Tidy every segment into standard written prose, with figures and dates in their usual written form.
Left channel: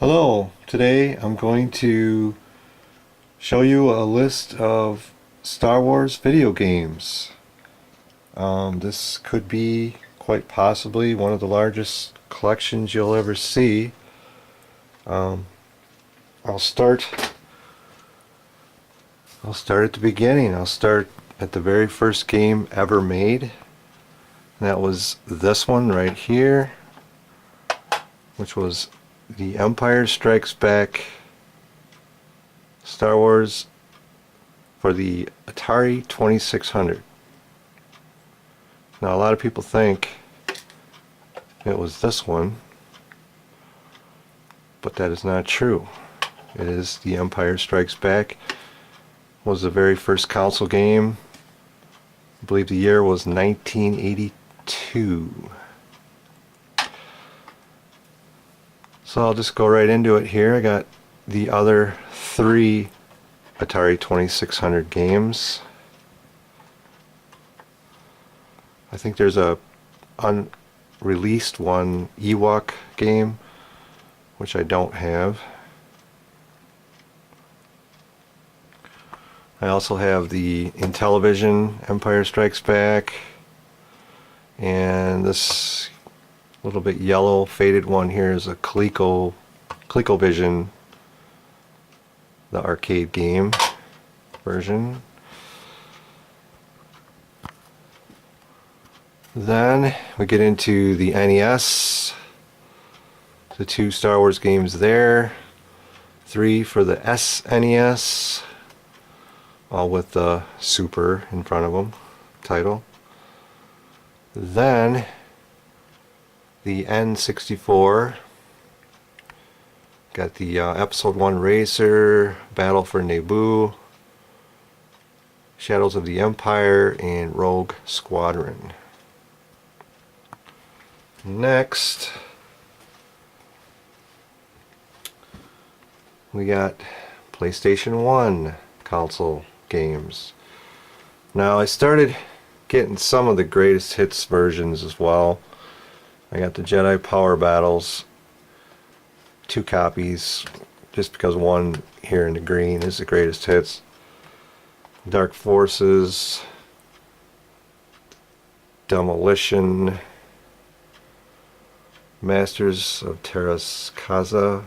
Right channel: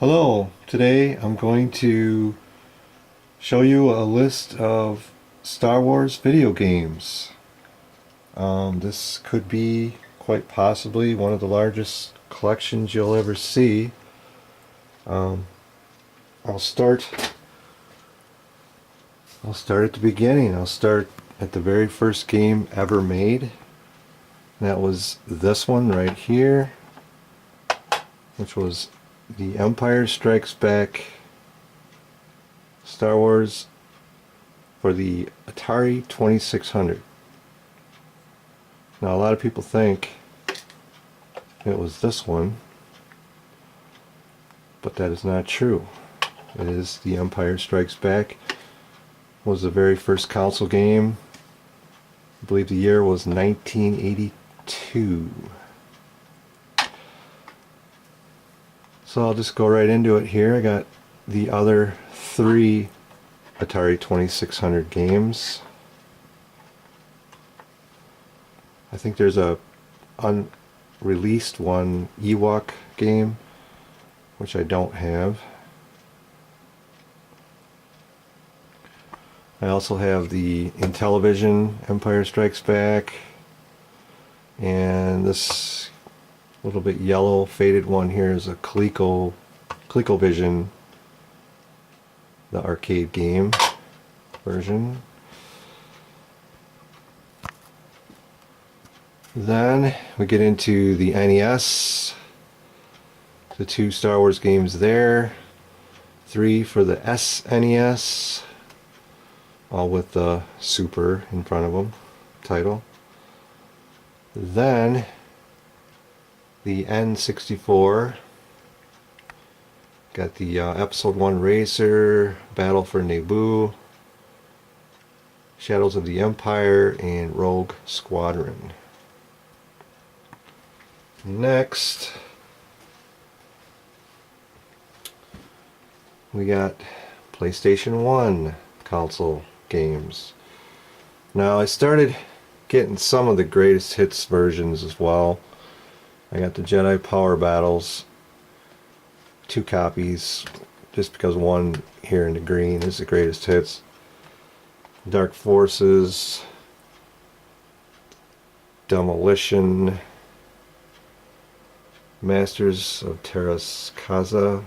Hello, today I'm going to show you a list of Star Wars video games. This could be quite possibly one of the largest collections you'll ever see. Um, I'll start at the beginning. I'll start at the very first game ever made. And that was this one right here, which was The Empire Strikes Back Star Wars for the Atari 2600. Now a lot of people think it was this one, but that is not true. It is The Empire Strikes Back. It was the very first console game. I believe the year was 1982. So I'll just go right into it here. I got the other three Atari 2600 games. I think there's a unreleased one, Ewok game, which I don't have. I also have the Intellivision Empire Strikes Back, and this little bit yellow faded one here is a ColecoVision, the arcade game version. Then we get into the NES, the two Star Wars games there, three for the SNES, all with the Super in front of them title. Then the N64, got the Episode 1 Racer, Battle for Naboo, Shadows of the Empire, and Rogue Squadron. Next, we got PlayStation 1 console games. Now I started getting some of the greatest hits versions as well. I got the Jedi Power Battles, 2 copies, just because one here in the green is the greatest hits. Dark Forces, Demolition, Masters of Terras Kaza,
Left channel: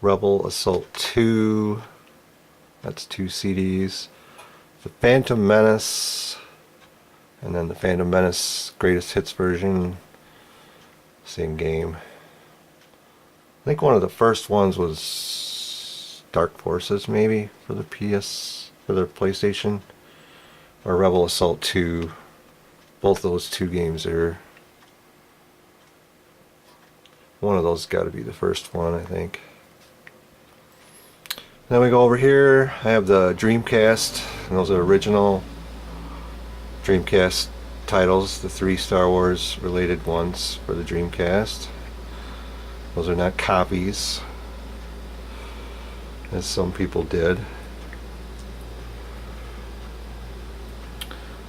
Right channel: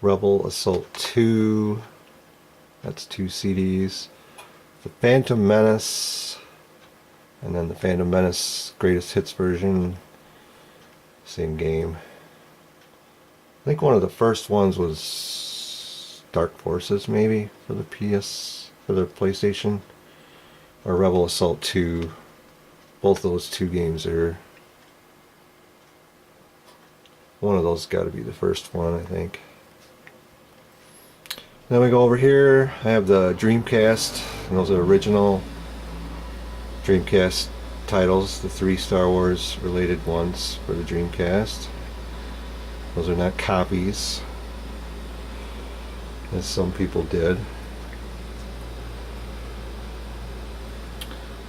Rebel Assault 2, that's 2 CDs, The Phantom Menace, and then the Phantom Menace Greatest Hits version, same game. I think one of the first ones was Dark Forces, maybe, for the PlayStation, or Rebel Assault 2. Both those 2 games are, one of those got to be the first one, I think. Then we go over here, I have the Dreamcast, and those are original Dreamcast titles, the 3 Star Wars related ones for the Dreamcast. Those are not copies, as some people did.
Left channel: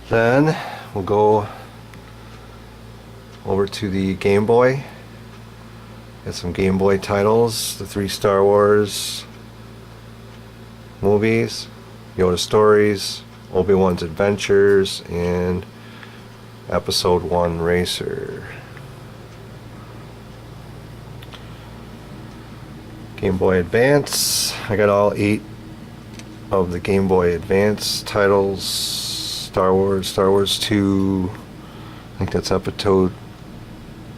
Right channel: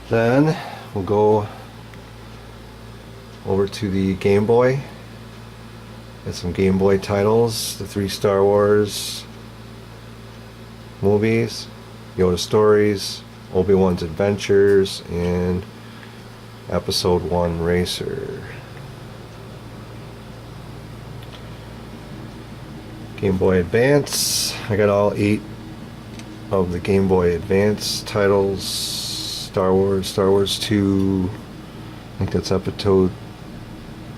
Then we'll go over to the Game Boy. Got some Game Boy titles, the 3 Star Wars movies, Yoda Stories, Obi-Wan's Adventures, and Episode 1 Racer. Game Boy Advance, I got all 8 of the Game Boy Advance titles. Star Wars 2, I think that's Episode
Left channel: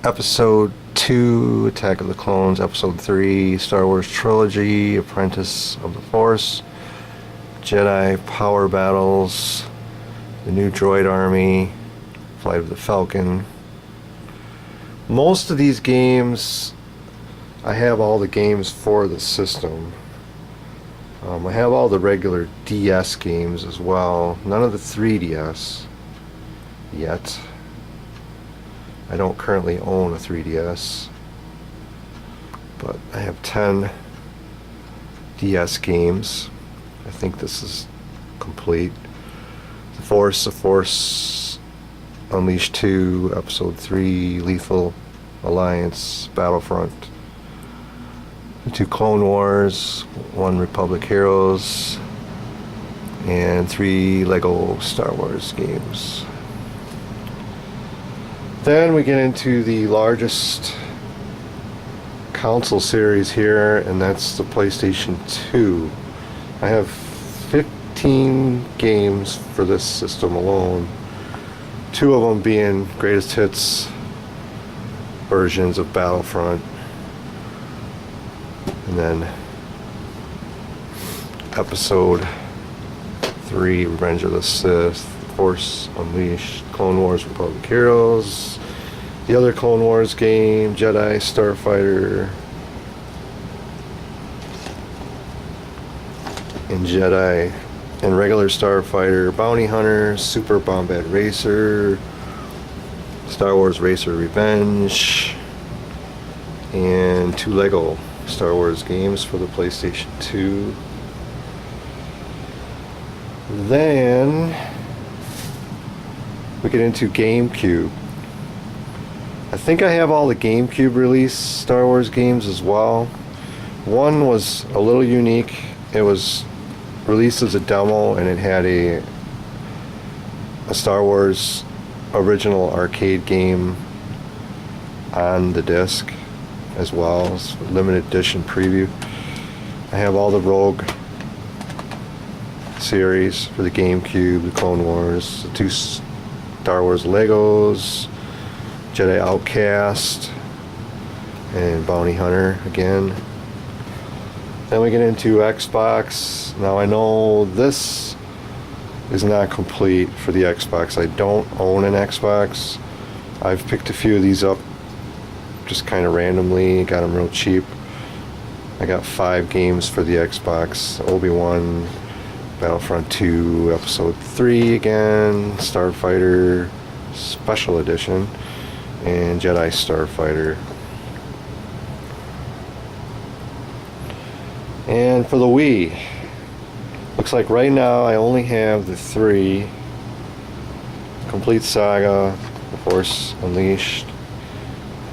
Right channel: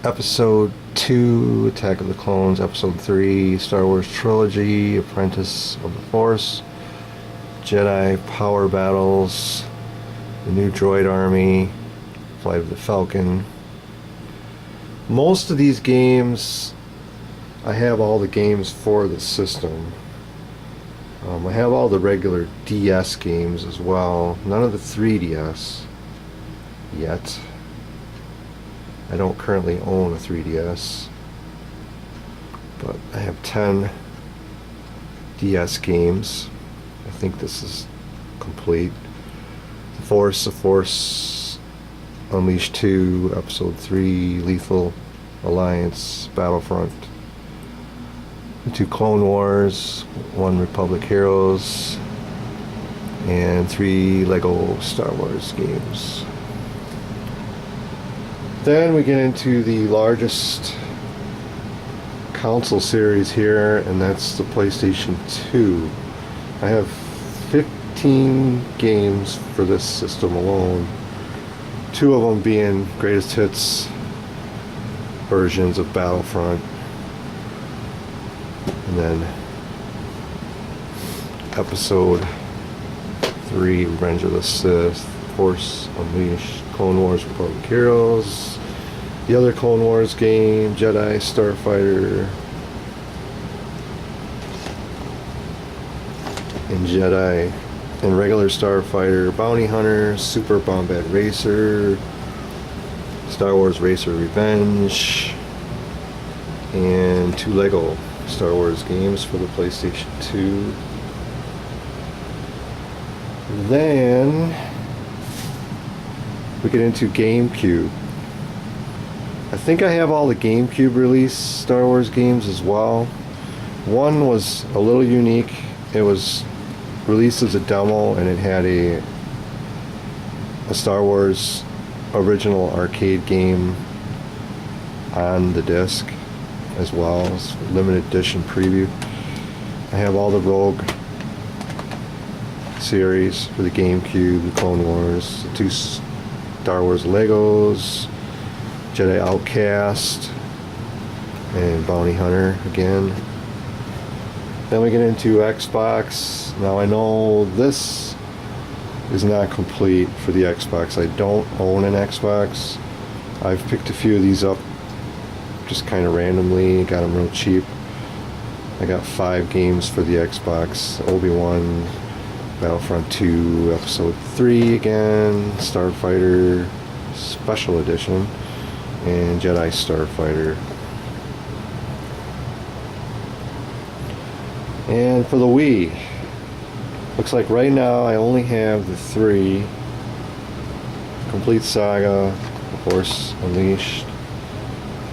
2, Attack of the Clones, Episode 3, Star Wars Trilogy, Apprentice of the Force, Jedi Power Battles, The New Droid Army, Flight of the Falcon. Most of these games, I have all the games for the system. I have all the regular DS games as well. None of the 3DS yet. I don't currently own a 3DS, but I have 10 DS games. I think this is complete. The Force Unleashed 2, Episode 3, Lethal Alliance Battlefront, the 2 Clone Wars, 1 Republic Heroes, and 3 Lego Star Wars games. Then we get into the largest console series here, and that's the PlayStation 2. I have 15 games for this system alone, 2 of them being greatest hits versions of Battlefront, and then Episode 3, Revenge of the Sith, Force Unleashed, Clone Wars, Republic Heroes, the other Clone Wars game, Jedi, Starfighter, and Jedi, and regular Starfighter, Bounty Hunter, Super Bombad Racer, Star Wars Racer Revenge, and 2 Lego Star Wars games for the PlayStation 2. Then we get into GameCube. I think I have all the GameCube release Star Wars games as well. One was a little unique. It was released as a demo, and it had a Star Wars original arcade game on the disc as well as limited edition preview. I have all the Rogue series for the GameCube, the Clone Wars, the 2 Star Wars Legos, Jedi Outcast, and Bounty Hunter again. Then we get into Xbox. Now I know this is not complete for the Xbox. I don't own an Xbox. I've picked a few of these up just kind of randomly, got them real cheap. I got 5 games for the Xbox: Obi-Wan, Battlefront 2, Episode 3 again, Starfighter Special Edition, and Jedi Starfighter. And for the Wii, looks like right now I only have the 3: Complete Saga, Force Unleashed,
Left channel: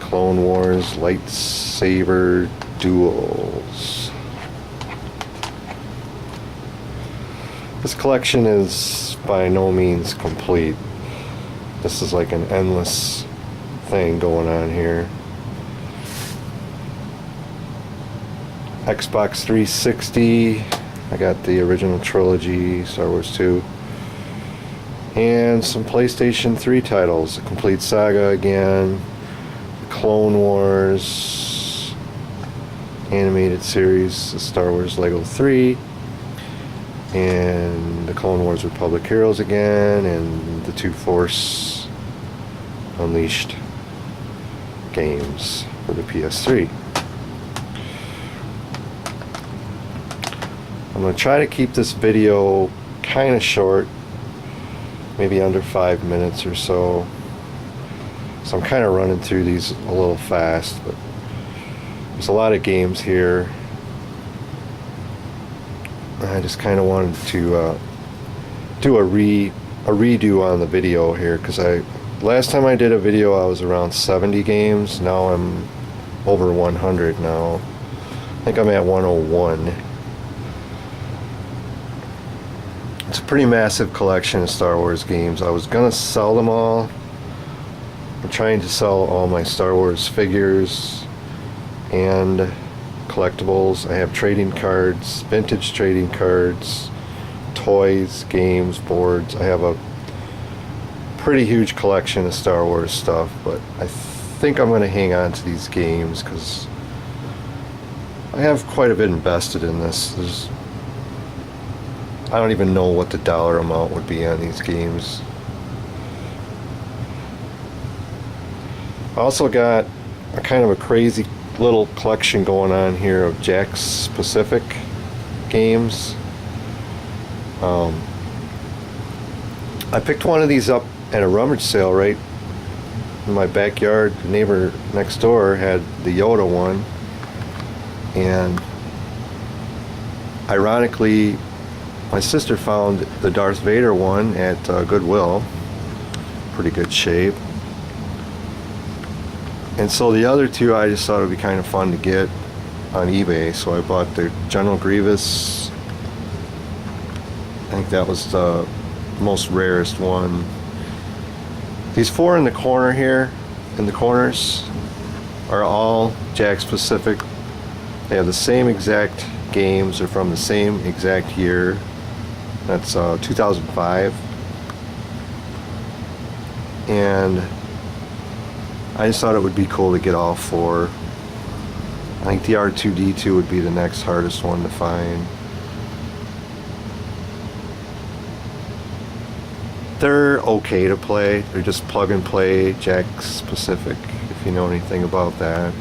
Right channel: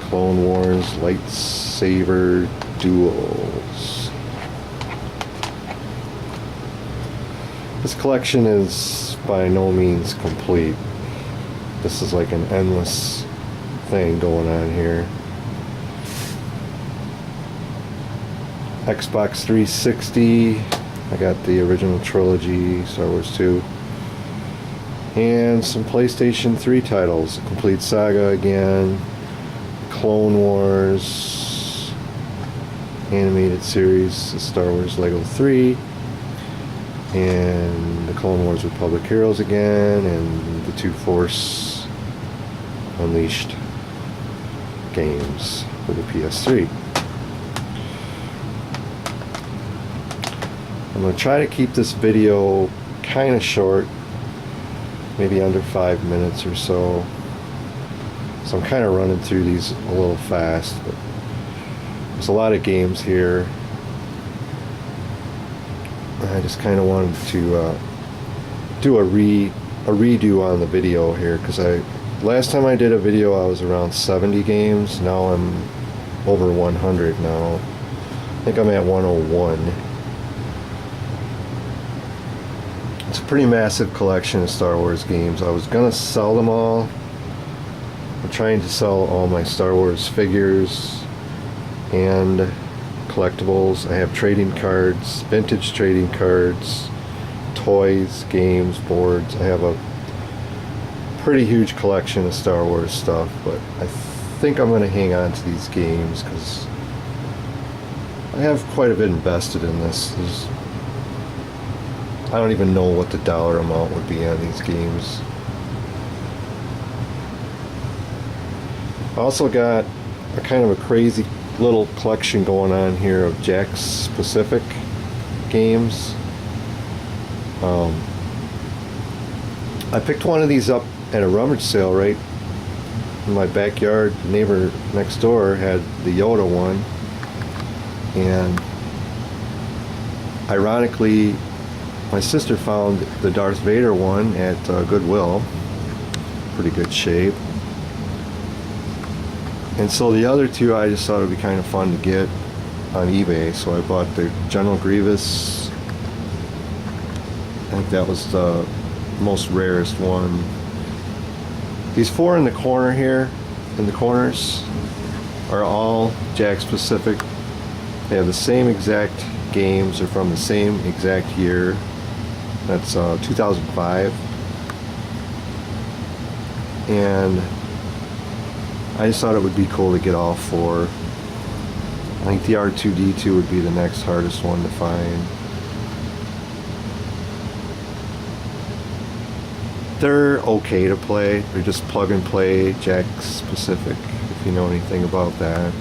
Clone Wars, Lightsaber Duels. This collection is by no means complete. This is like an endless thing going on here. Xbox 360, I got the original trilogy, Star Wars 2, and some PlayStation 3 titles, Complete Saga again, Clone Wars animated series, Star Wars Lego 3, and the Clone Wars Republic Heroes again, and the 2 Force Unleashed games for the PS3. I'm going to try to keep this video kind of short, maybe under 5 minutes or so. So I'm kind of running through these a little fast, but there's a lot of games here. I just kind of wanted to do a redo on the video here, because last time I did a video I was around 70 games. Now I'm over 100 now. I think I'm at 101. It's a pretty massive collection of Star Wars games. I was gonna sell them all. I'm trying to sell all my Star Wars figures and collectibles. I have trading cards, vintage trading cards, toys, games, boards. I have a pretty huge collection of Star Wars stuff, but I think I'm going to hang on to these games because I have quite a bit invested in this. I don't even know what the dollar amount would be on these games. I also got a kind of a crazy little collection going on here of Jakks Pacific games. I picked one of these up at a rummage sale right in my backyard. The neighbor next door had the Yoda one, and ironically my sister found the Darth Vader one at Goodwill. Pretty good shape. And so the other two I just thought it would be kind of fun to get on eBay, so I bought the General Grievous. I think that was the most rarest one. These four in the corner here, in the corners, are all Jakks Pacific. They have the same exact games. They're from the same exact year. That's 2005. And I just thought it would be cool to get all four. I think the R2-D2 would be the next hardest one to find. They're okay to play. They're just plug and play Jakks Pacific, if you know anything about that.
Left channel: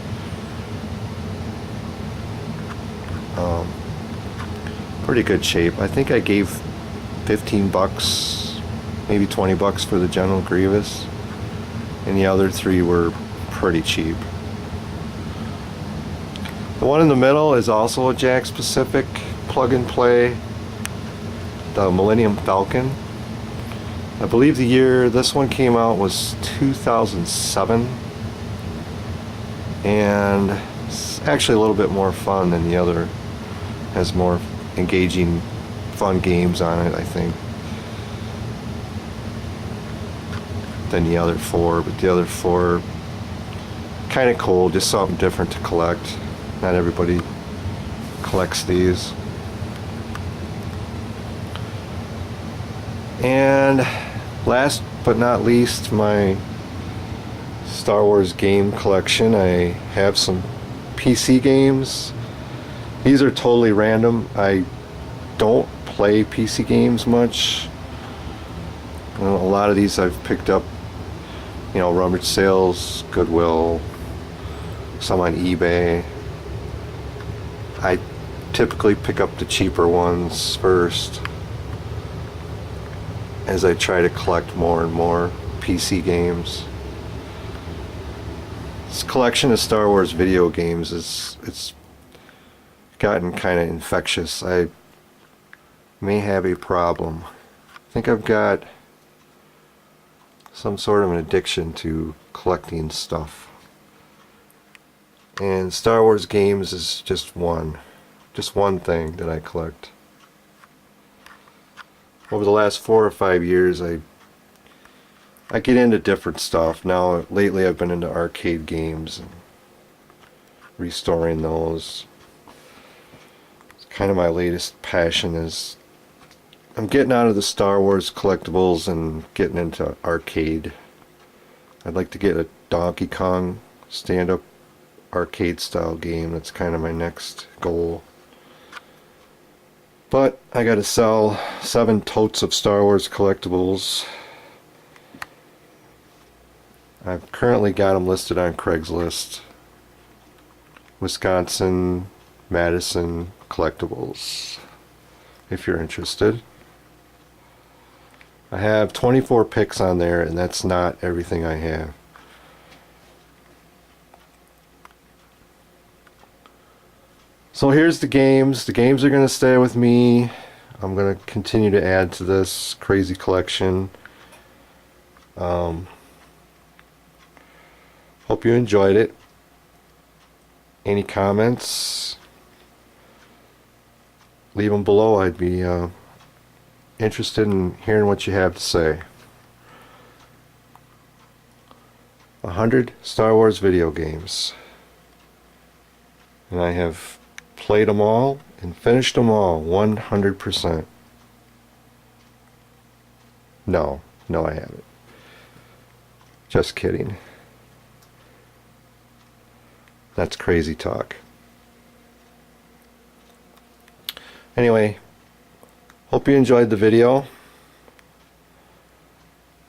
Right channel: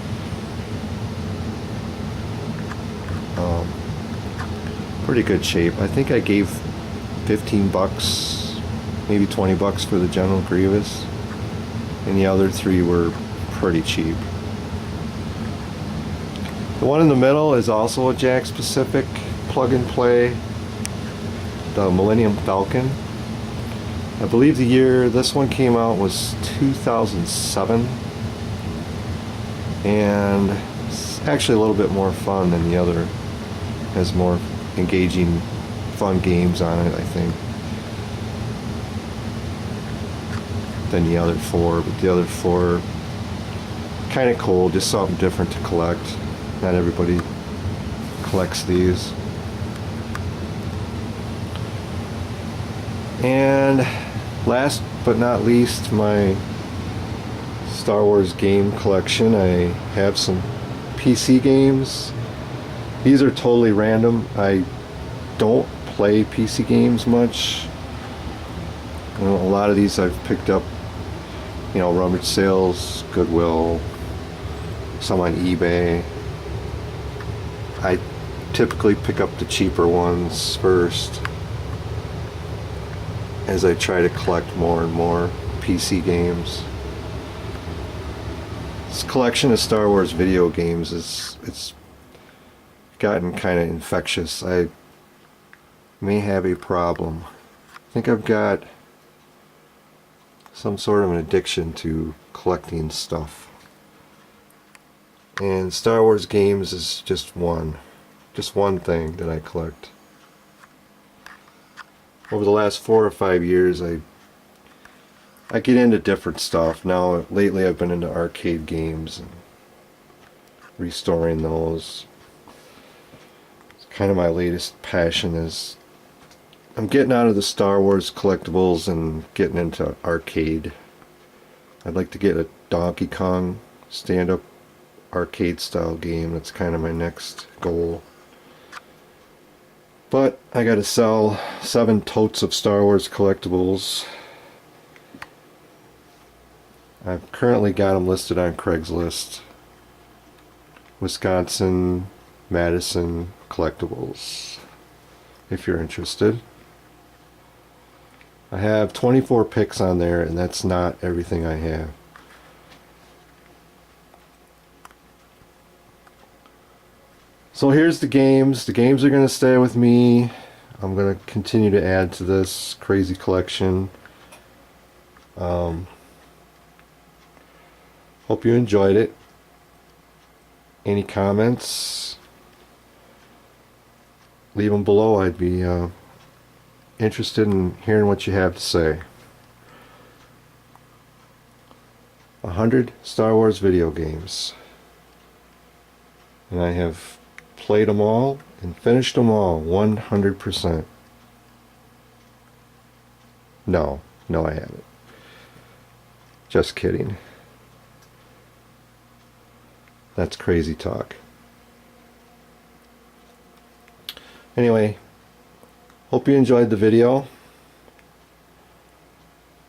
Pretty good shape. I think I gave 15 bucks, maybe 20 bucks for the General Grievous, and the other three were pretty cheap. The one in the middle is also a Jakks Pacific plug and play, the Millennium Falcon. I believe the year this one came out was 2007, and it's actually a little bit more fun than the other. Has more engaging, fun games on it, I think, than the other four. But the other four, kind of cool, just something different to collect. Not everybody collects these. And last but not least, my Star Wars game collection. I have some PC games. These are totally random. I don't play PC games much. A lot of these I've picked up, rummage sales, Goodwill, some on eBay. I typically pick up the cheaper ones first, as I try to collect more and more PC games. This collection of Star Wars video games it's gotten kind of infectious. I may have a problem. I think I've got some sort of an addiction to collecting stuff. And Star Wars games is just one thing that I collect. Over the last 4 or 5 years, I get into different stuff. Now, lately I've been into arcade games and restoring those. It's kind of my latest passion. Is I'm getting out of the Star Wars collectibles and getting into arcade. I'd like to get a Donkey Kong stand-up arcade style game. That's kind of my next goal. But I gotta sell 7 totes of Star Wars collectibles. I've currently got them listed on Craigslist. Wisconsin Madison Collectibles, if you're interested. I have 24 picks on there, and that's not everything I have. So here's the games. The games are going to stay with me. I'm going to continue to add to this crazy collection. Hope you enjoyed it. Any comments? Leave them below. I'd be interested in hearing what you have to say. 100 Star Wars video games. And I have played them all and finished them all 100%. No, I haven't. Just kidding. That's crazy talk. Anyway, hope you enjoyed the video.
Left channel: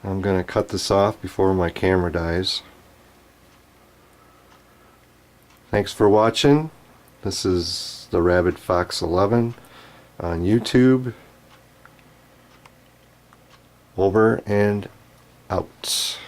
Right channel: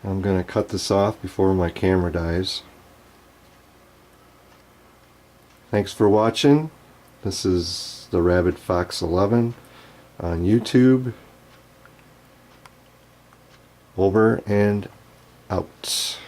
I'm going to cut this off before my camera dies. Thanks for watching. This is the Rabid Fox 11 on YouTube. Over and out.